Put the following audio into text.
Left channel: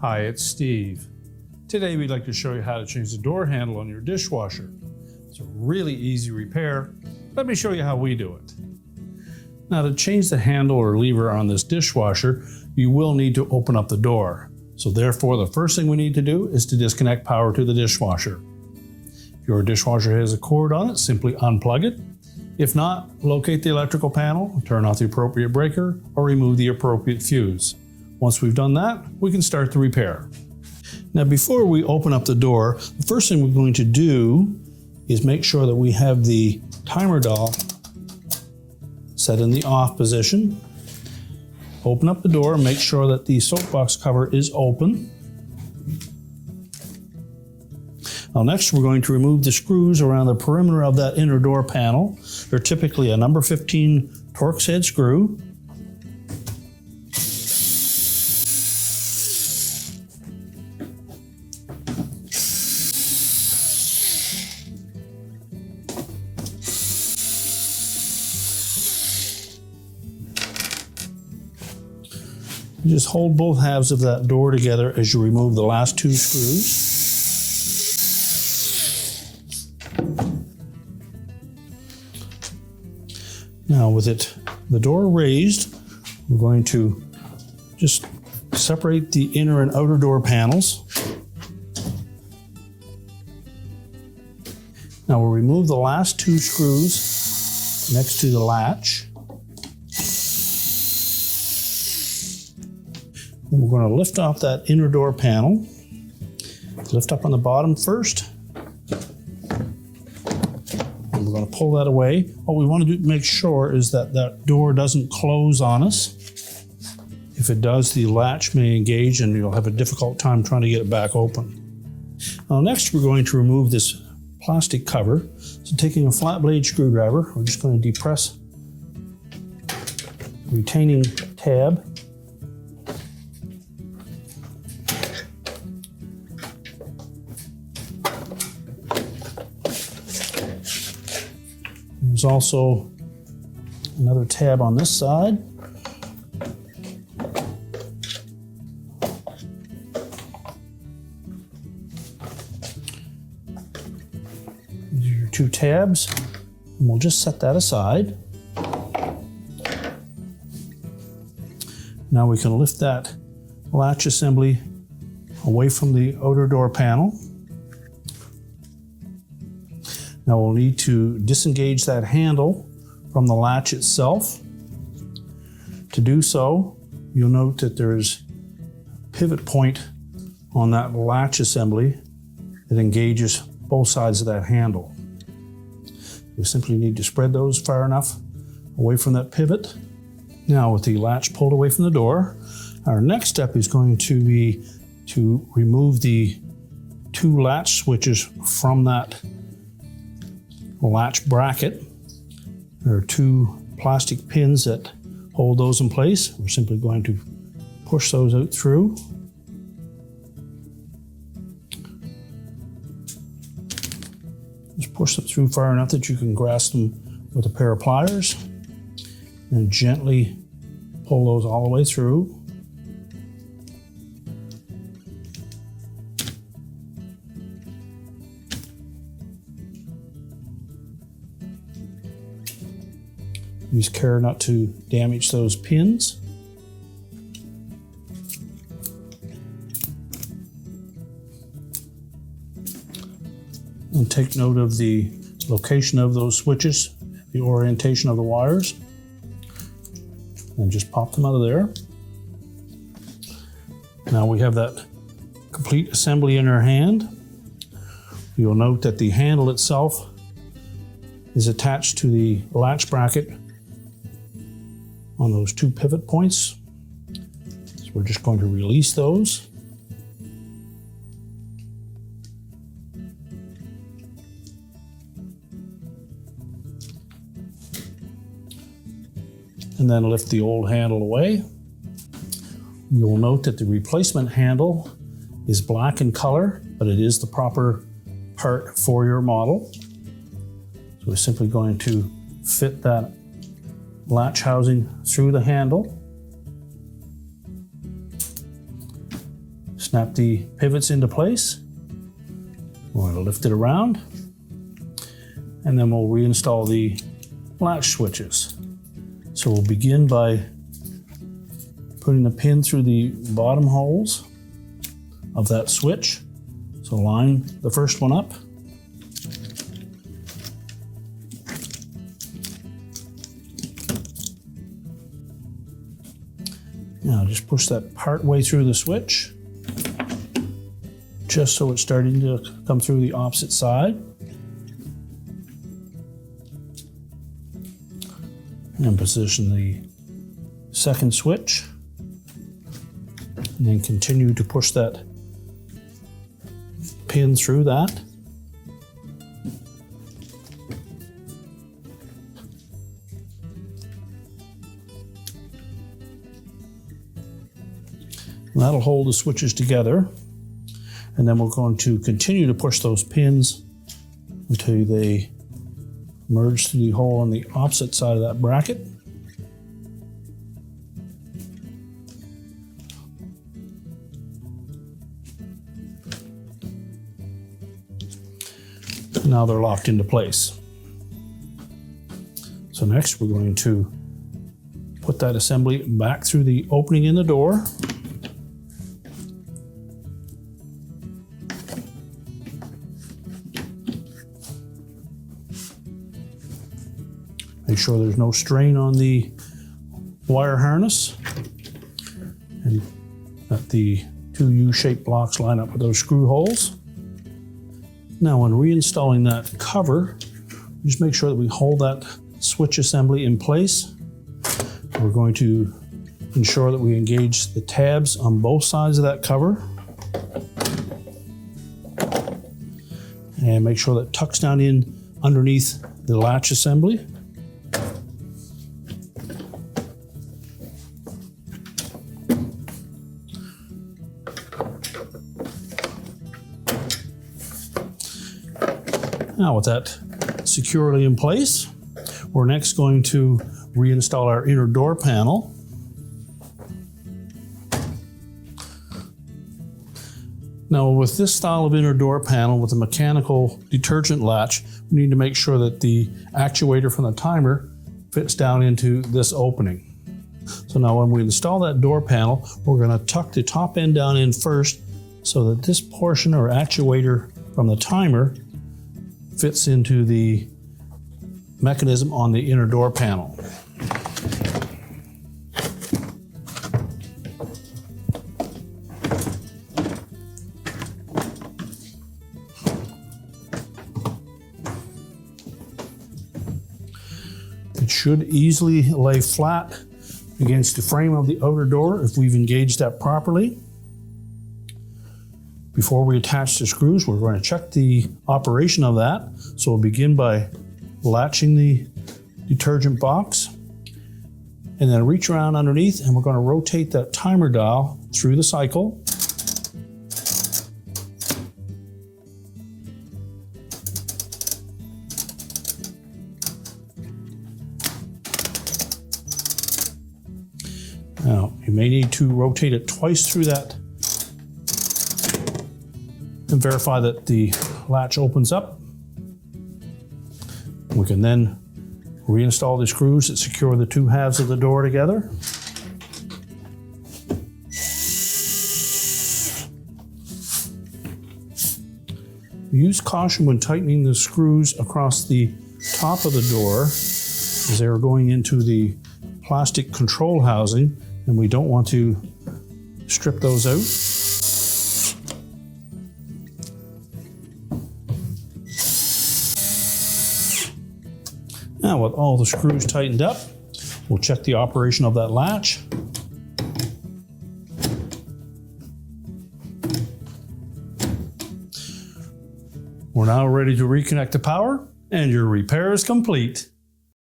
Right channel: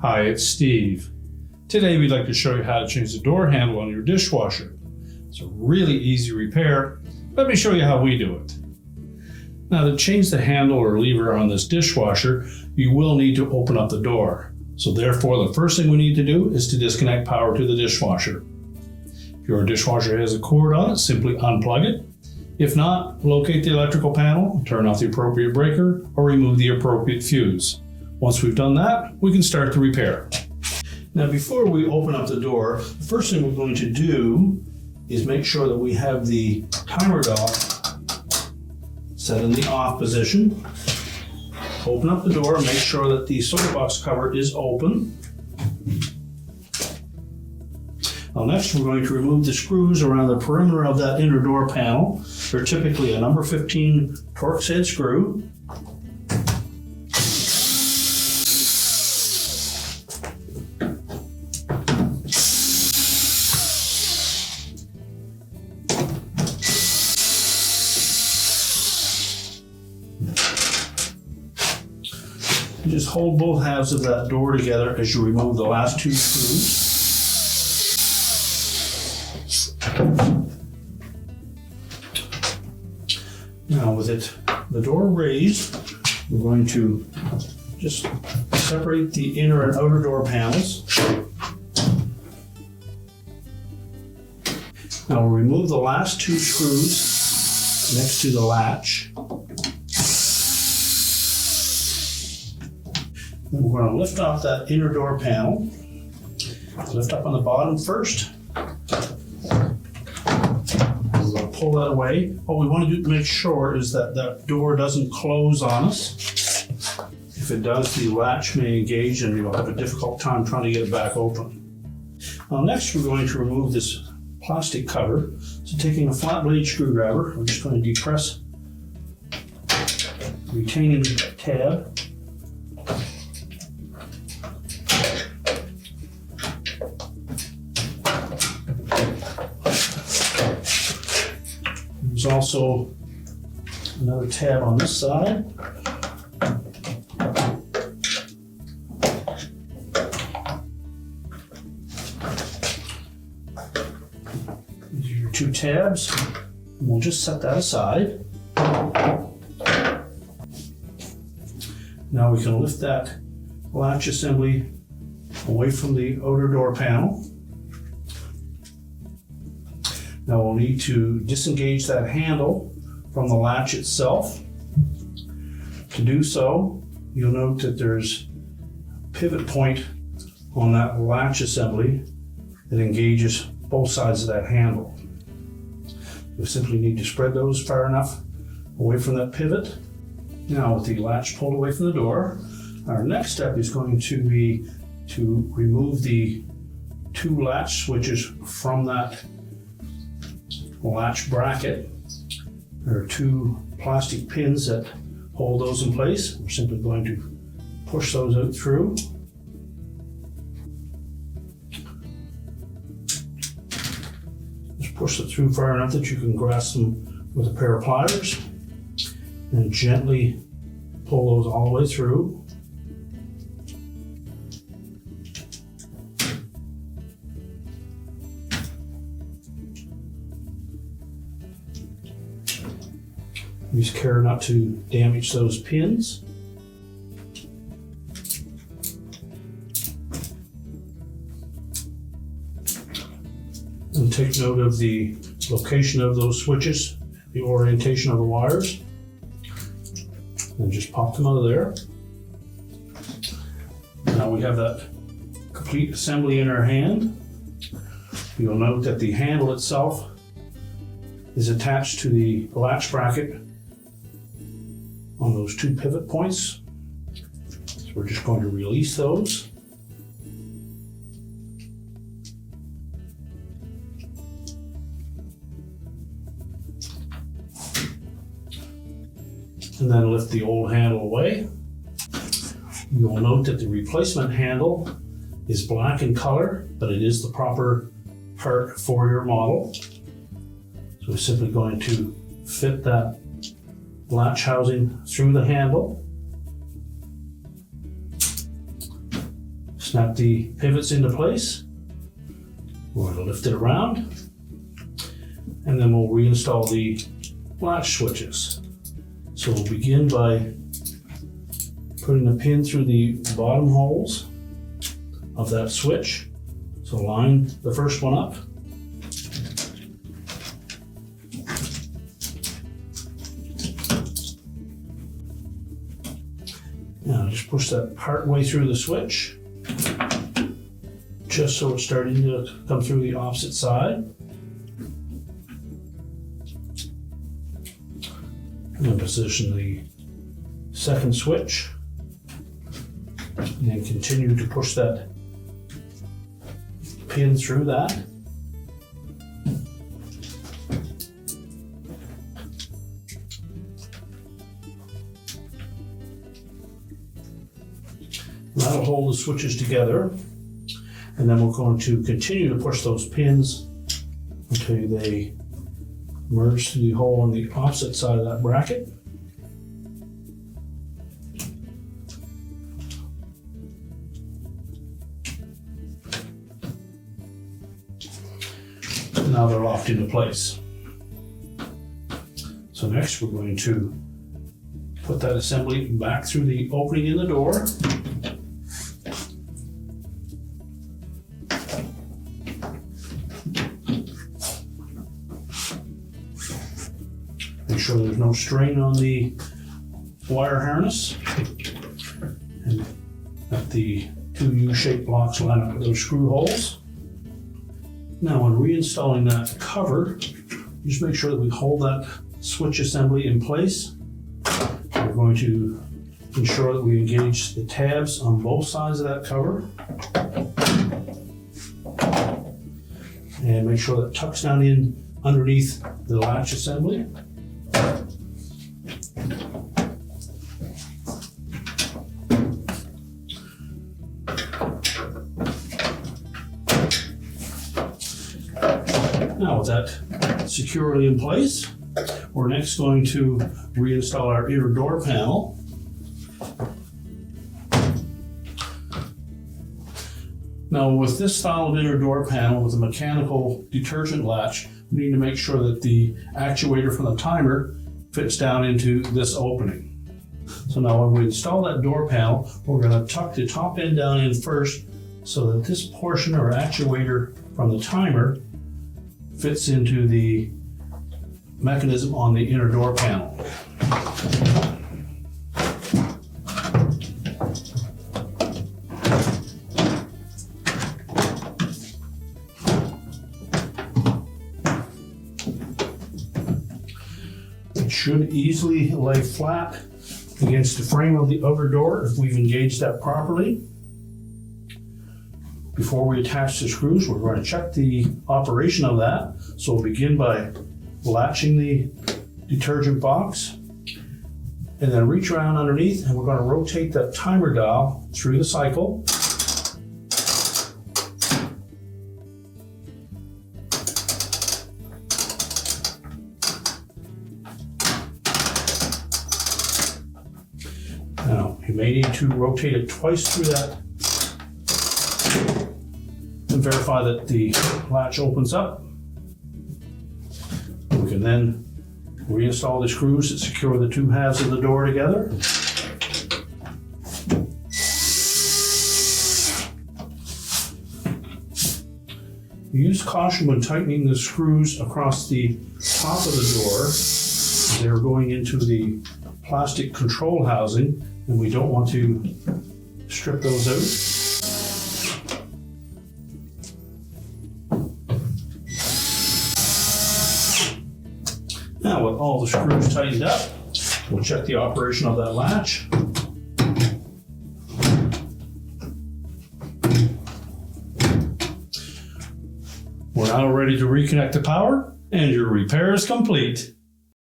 Hi, it's Steve. Today we'd like to show you how to change the door handle on your dishwasher. It's a really easy repair. Let me show you how we do it. Now, to change the handle or lever on this dishwasher, you will need to open up the door. So therefore, the first thing we need to do is to disconnect power to the dishwasher. If your dishwasher has a cord on it, simply unplug it. If not, locate the electrical panel, turn off the appropriate breaker, or remove the appropriate fuse. Once we've done that, we can start the repair. Now, before we open up the door, the first thing we're going to do is make sure that we have the timer dial set in the off position. Open up the door and make sure that the soapbox cover is open. Now next, we're going to remove the screws around the perimeter of that inner door panel. They're typically a number 15 Torx head screw. You just hold both halves of that door together as you remove the last two screws. Now with the door raised, we're going to just separate the inner and outer door panels. Now we'll remove the last two screws next to the latch. And we're going to lift off that inner door panel. Lift up on the bottom first. And we're going to pull that away. What we want to do to make sure is that that door doesn't close on us. If it does, the latch may engage and you'll have a difficult time trying to get it back open. Now next, we're going to remove this plastic cover. So taking a flat blade screwdriver, I'm just going to depress the retaining tab. There's also another tab on this side. These are your two tabs, and we'll just set that aside. Now we can lift that latch assembly away from the outer door panel. Now we'll need to disengage that handle from the latch itself. To do so, you'll note that there's a pivot point on that latch assembly that engages both sides of that handle. You simply need to spread those far enough away from that pivot. Now with the latch pulled away from the door, our next step is going to be to remove the two latch switches from that latch bracket. There are two plastic pins that hold those in place. We're simply going to push those out through. Just push it through far enough that you can grasp them with a pair of pliers and gently pull those all the way through. Use care not to damage those pins. And take note of the location of those switches, the orientation of the wires, and just pop them out of there. Now we have that complete assembly in our hand. You'll note that the handle itself is attached to the latch bracket on those two pivot points. So we're just going to release those. And then lift the old handle away. You'll note that the replacement handle is black in color, but it is the proper part for your model. So we're simply going to fit that latch housing through the handle. Snap the pivots into place. We're going to lift it around, and then we'll reinstall the latch switches. So we'll begin by putting a pin through the bottom holes of that switch. So line the first one up. Now just push that part way through the switch, just so it's starting to come through the opposite side. And then position the second switch, and then continue to push that pin through that. And that'll hold the switches together. And then we're going to continue to push those pins until they merge through the hole on the opposite side of that bracket. Now they're locked into place. So next we're going to put that assembly back through the opening in the door. Make sure there's no strain on the wire harness, and that the two U-shaped blocks line up with those screw holes. Now when reinstalling that cover, just make sure that we hold that switch assembly in place. We're going to ensure that we engage the tabs on both sides of that cover, and make sure that it tucks down in underneath the latch assembly. Now with that securely in place, we're next going to reinstall our inner door panel. Now with this style of inner door panel with a mechanical detergent latch, we need to make sure that the actuator from the timer fits down into this opening. So now when we install that door panel, we're going to tuck the top end down in first so that this portion or actuator from the timer fits into the mechanism on the inner door panel. It should easily lay flat against the frame of the outer door if we've engaged that properly. Before we attach the screws, we're going to check the operation of that. So we'll begin by latching the detergent box, and then reach around underneath, and we're going to rotate that timer dial through the cycle. Now, you may need to rotate it twice through that and verify that the latch opens up. We can then reinstall the screws that secure the two halves of the door together. Use caution when tightening the screws across the top of the door, as they are going into the plastic control housing, and we don't want to strip those out. Now with all the screws tightened up, we'll check the operation of that latch. We're now ready to reconnect the power, and your repair is complete.